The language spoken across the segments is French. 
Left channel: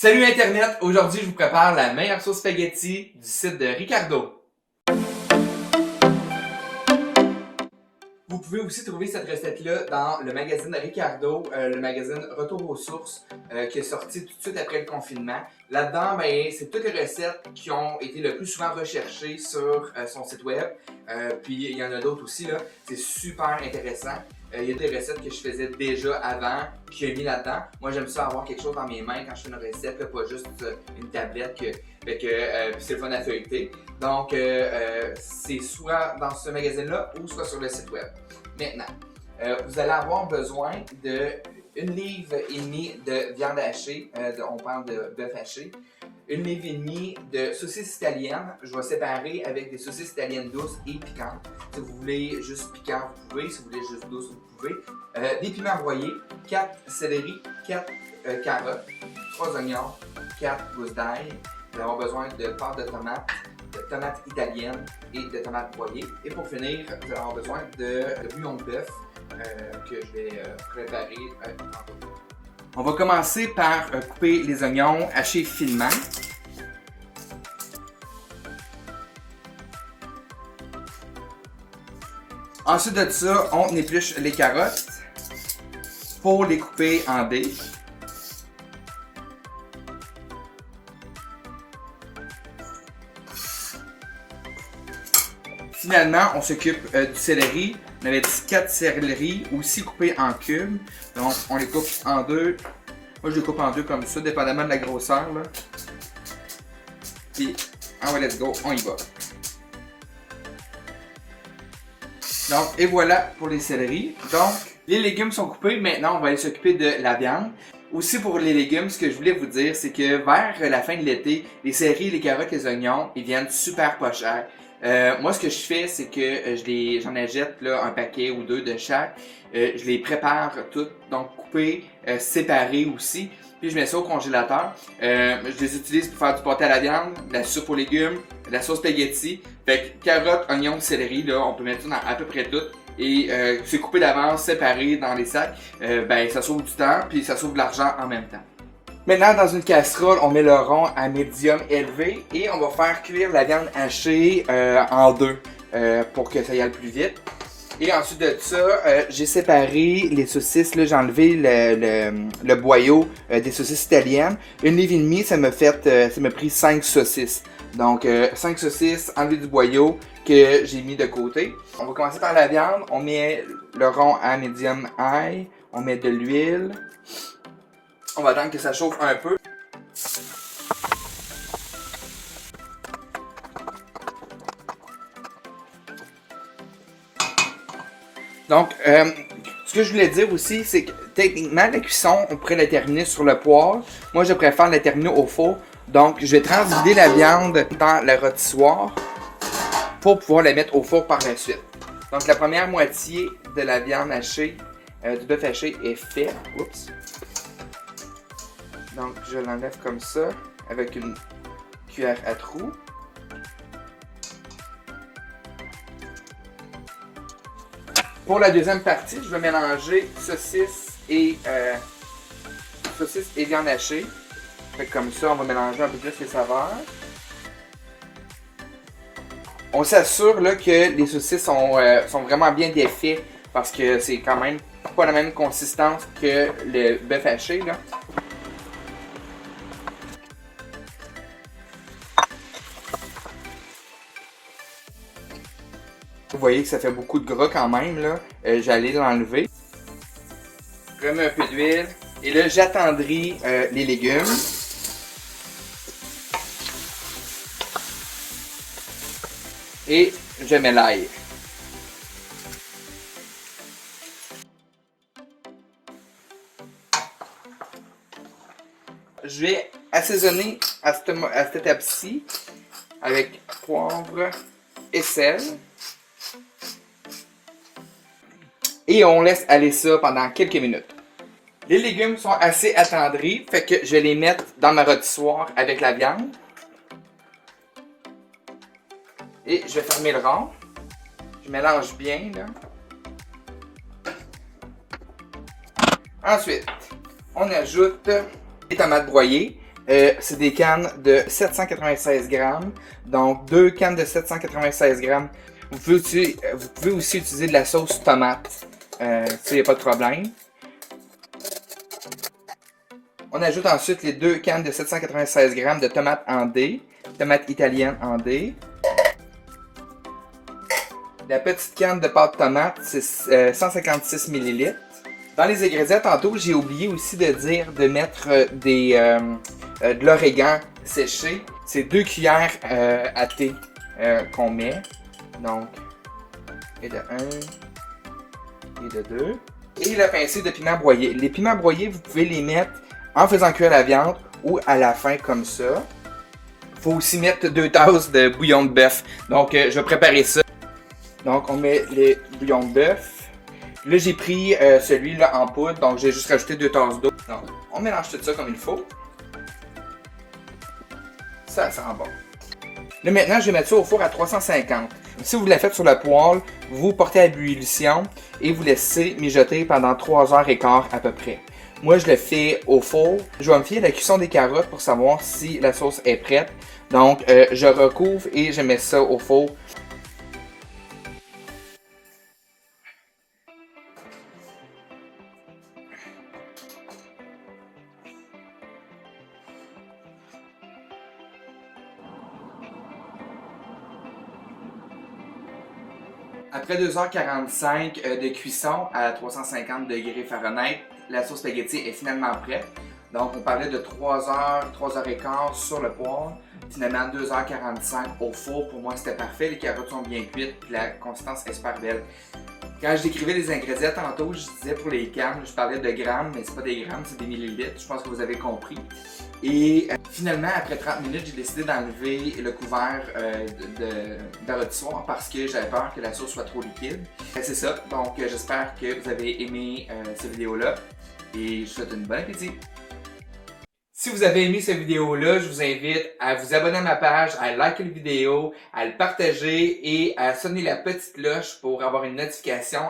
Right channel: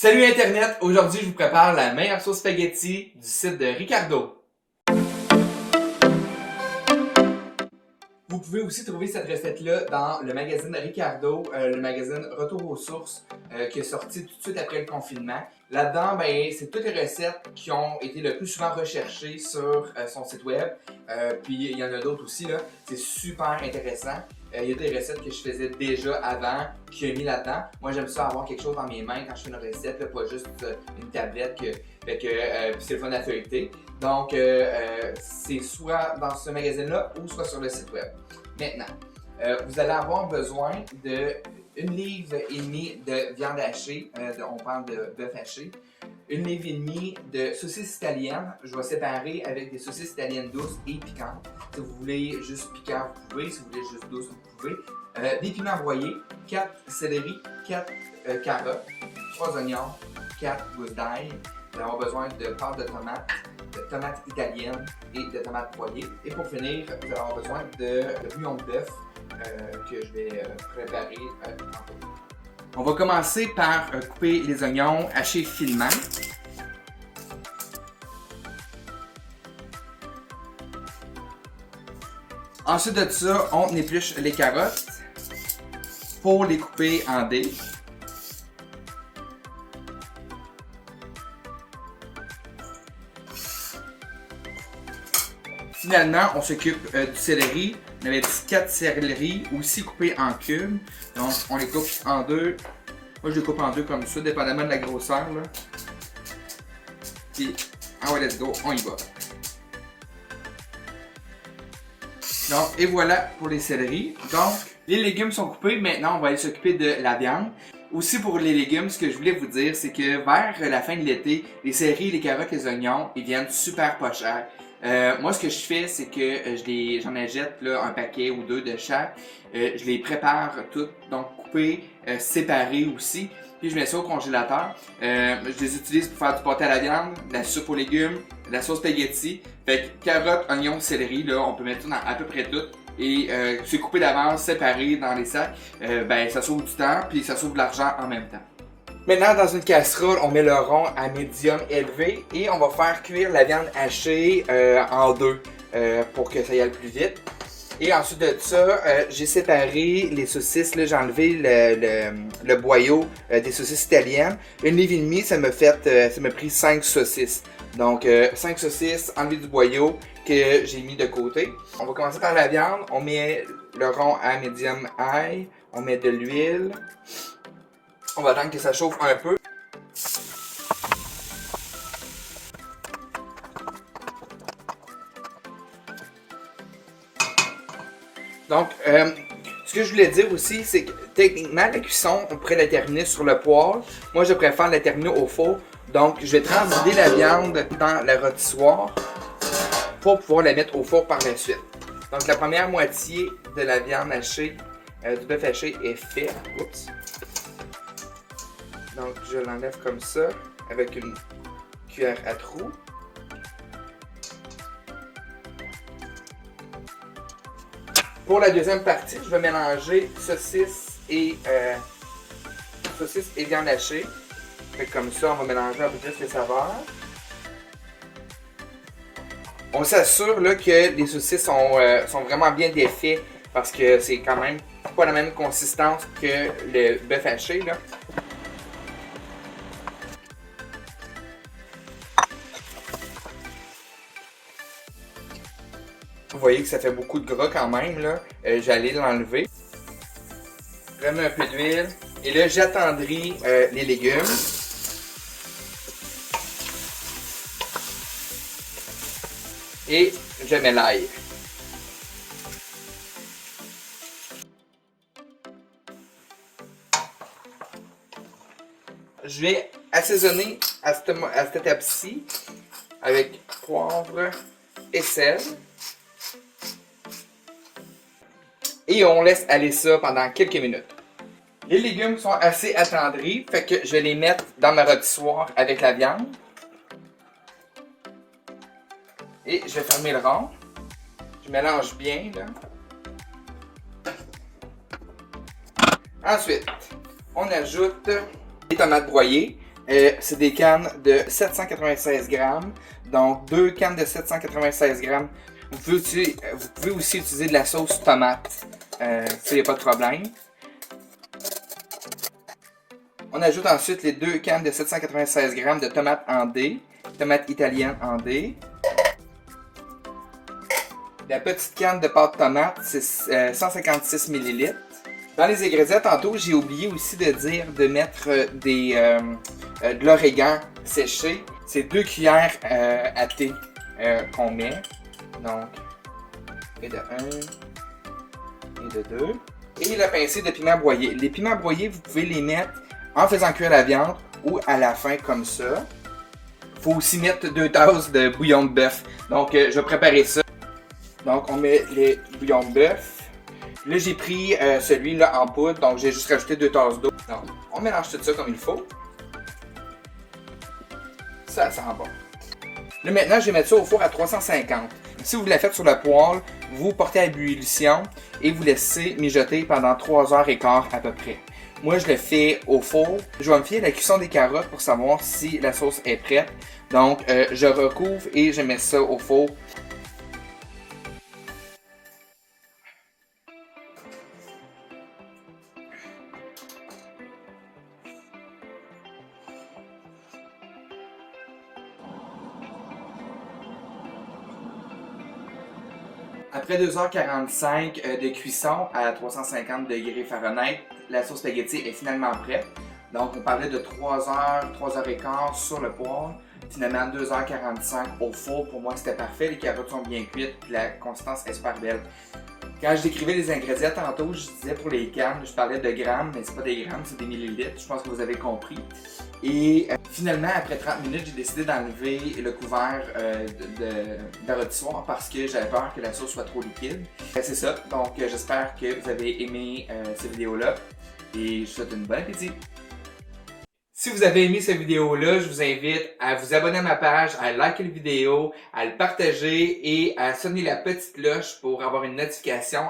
Salut Internet! Aujourd'hui, je vous prépare la meilleure sauce spaghetti du site de Ricardo. Vous pouvez aussi trouver cette recette-là dans le magazine de Ricardo, le magazine Retour aux sources, qui est sorti tout de suite après le confinement. Là-dedans, c'est toutes les recettes qui ont été le plus souvent recherchées sur son site web. Puis il y en a d'autres aussi, là. C'est super intéressant. Il y a des recettes que je faisais déjà avant, que j'ai mis là-dedans. Moi, j'aime ça avoir quelque chose dans mes mains quand je fais une recette, là, pas juste une tablette, c'est le fun à feuilleter. Donc, c'est soit dans ce magazine-là ou soit sur le site web. Maintenant, vous allez avoir besoin de 1,5 livre de viande hachée, on parle de bœuf haché, 1,5 livre de saucisses italiennes. Je vais séparer avec des saucisses italiennes douces et piquantes. Si vous voulez juste piquant, vous pouvez. Si vous voulez juste douce, vous pouvez. Des piments broyés, 4 céleri, 4 carottes, 3 oignons, 4 gousses d'ail. Vous allez avoir besoin de pâte de tomates italiennes et de tomates broyées. Et pour finir, vous allez avoir besoin de bouillon de bœuf que je vais préparer tantôt. On va commencer par couper les oignons hachés finement. Ensuite de ça, on épluche les carottes pour les couper en dés. Finalement, on s'occupe du céleri. On avait 4 céleri aussi coupés en cubes. Donc, on les coupe en deux. Moi, je les coupe en deux comme ça, dépendamment de la grosseur, là. Puis, let's go, on y va. Donc, et voilà pour les céleris. Donc, les légumes sont coupés. Maintenant, on va aller s'occuper de la viande. Aussi pour les légumes, ce que je voulais vous dire, c'est que vers la fin de l'été, les céleris, les carottes, les oignons, ils viennent super pas chers. Moi, ce que je fais, c'est que j'en achète là, un paquet ou deux de chaque. Je les prépare toutes, donc coupées, séparées aussi. Puis je mets ça au congélateur. Je les utilise pour faire du pâté à la viande, de la soupe aux légumes, de la sauce spaghetti. Fait que carottes, oignons, céleri, là, on peut mettre ça dans à peu près tout. Et c'est coupé d'avance, séparé dans les sacs. Ça sauve du temps, puis ça sauve de l'argent en même temps. Maintenant, dans une casserole, on met le rond à médium élevé et on va faire cuire la viande hachée en deux pour que ça y aille plus vite. Et ensuite de ça, j'ai séparé les saucisses. J'ai enlevé le boyau des saucisses italiennes. 1,5 livre, ça m'a pris 5 saucisses. Donc, 5 saucisses enlevées du boyau que j'ai mis de côté. On va commencer par la viande. On met le rond à médium high. On met de l'huile. On va attendre que ça chauffe un peu. Donc, ce que je voulais dire aussi, c'est que techniquement, la cuisson, on pourrait la terminer sur le poêle. Moi, je préfère la terminer au four. Donc, je vais transider la viande dans le rôtissoir pour pouvoir la mettre au four par la suite. Donc, la première moitié de la viande hachée, du bœuf haché est faite. Oups. Donc, je l'enlève comme ça, avec une cuillère à trous. Pour la deuxième partie, je vais mélanger saucisse et viande hachée. Fait que comme ça, on va mélanger un peu plus les saveurs. On s'assure là, que les saucisses sont vraiment bien défaites parce que c'est quand même pas la même consistance que le bœuf haché, là. Vous voyez que ça fait beaucoup de gras quand même, là. J'allais l'enlever. Je remets un peu d'huile. Et là, j'attendris les légumes. Et je mets l'ail. Je vais assaisonner à cette étape-ci avec poivre et sel. Et on laisse aller ça pendant quelques minutes. Les légumes sont assez attendris, fait que je vais les mettre dans ma rôtissoir avec la viande. Et je vais fermer le rond. Je mélange bien, là. Ensuite, on ajoute des tomates broyées. C'est des cannes de 796 grammes. Donc, 2 cannes de 796 grammes. Vous pouvez aussi utiliser de la sauce tomate. Ça, il n'y a pas de problème. On ajoute ensuite les 2 cannes de 796 grammes de tomates en dés. Tomates italiennes en dés. La petite canne de pâte tomate, c'est 156 ml. Dans les ingrédients, tantôt, j'ai oublié aussi de dire de mettre de l'origan séché. C'est 2 cuillères à thé qu'on met. Donc, et de 1, et de 2. Et la pincée de piment broyé. Les piments broyés, vous pouvez les mettre en faisant cuire la viande ou à la fin comme ça. Il faut aussi mettre 2 tasses de bouillon de bœuf. Donc, je vais préparer ça. Donc, on met le bouillon de bœuf. Là, j'ai pris celui-là en poudre, donc j'ai juste rajouté 2 tasses d'eau. Donc, on mélange tout ça comme il faut. Ça sent bon. Là, maintenant, je vais mettre ça au four à 350. Si vous la faites sur le poêle, vous portez à ébullition et vous laissez mijoter pendant 3h15 à peu près. Moi, je le fais au four. Je vais me fier à la cuisson des carottes pour savoir si la sauce est prête. Donc, je recouvre et je mets ça au four. Après 2h45 de cuisson à 350 degrés Fahrenheit, la sauce spaghetti est finalement prête. Donc on parlait de 3h, 3h15 sur le poêle, finalement 2h45 au four. Pour moi c'était parfait, les carottes sont bien cuites, la consistance est super belle. Quand je décrivais les ingrédients tantôt, je disais pour les cannes, je parlais de grammes, mais c'est pas des grammes, c'est des millilitres. Je pense que vous avez compris. Et finalement, après 30 minutes, j'ai décidé d'enlever le couvert de rôtissoir parce que j'avais peur que la sauce soit trop liquide. C'est ça, donc j'espère que vous avez aimé cette vidéo-là et je vous souhaite une bonne appétit. Si vous avez aimé cette vidéo-là, je vous invite à vous abonner à ma page, à liker la vidéo, à le partager et à sonner la petite cloche pour avoir une notification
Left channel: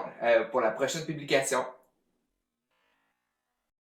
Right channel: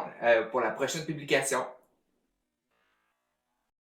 pour la prochaine publication.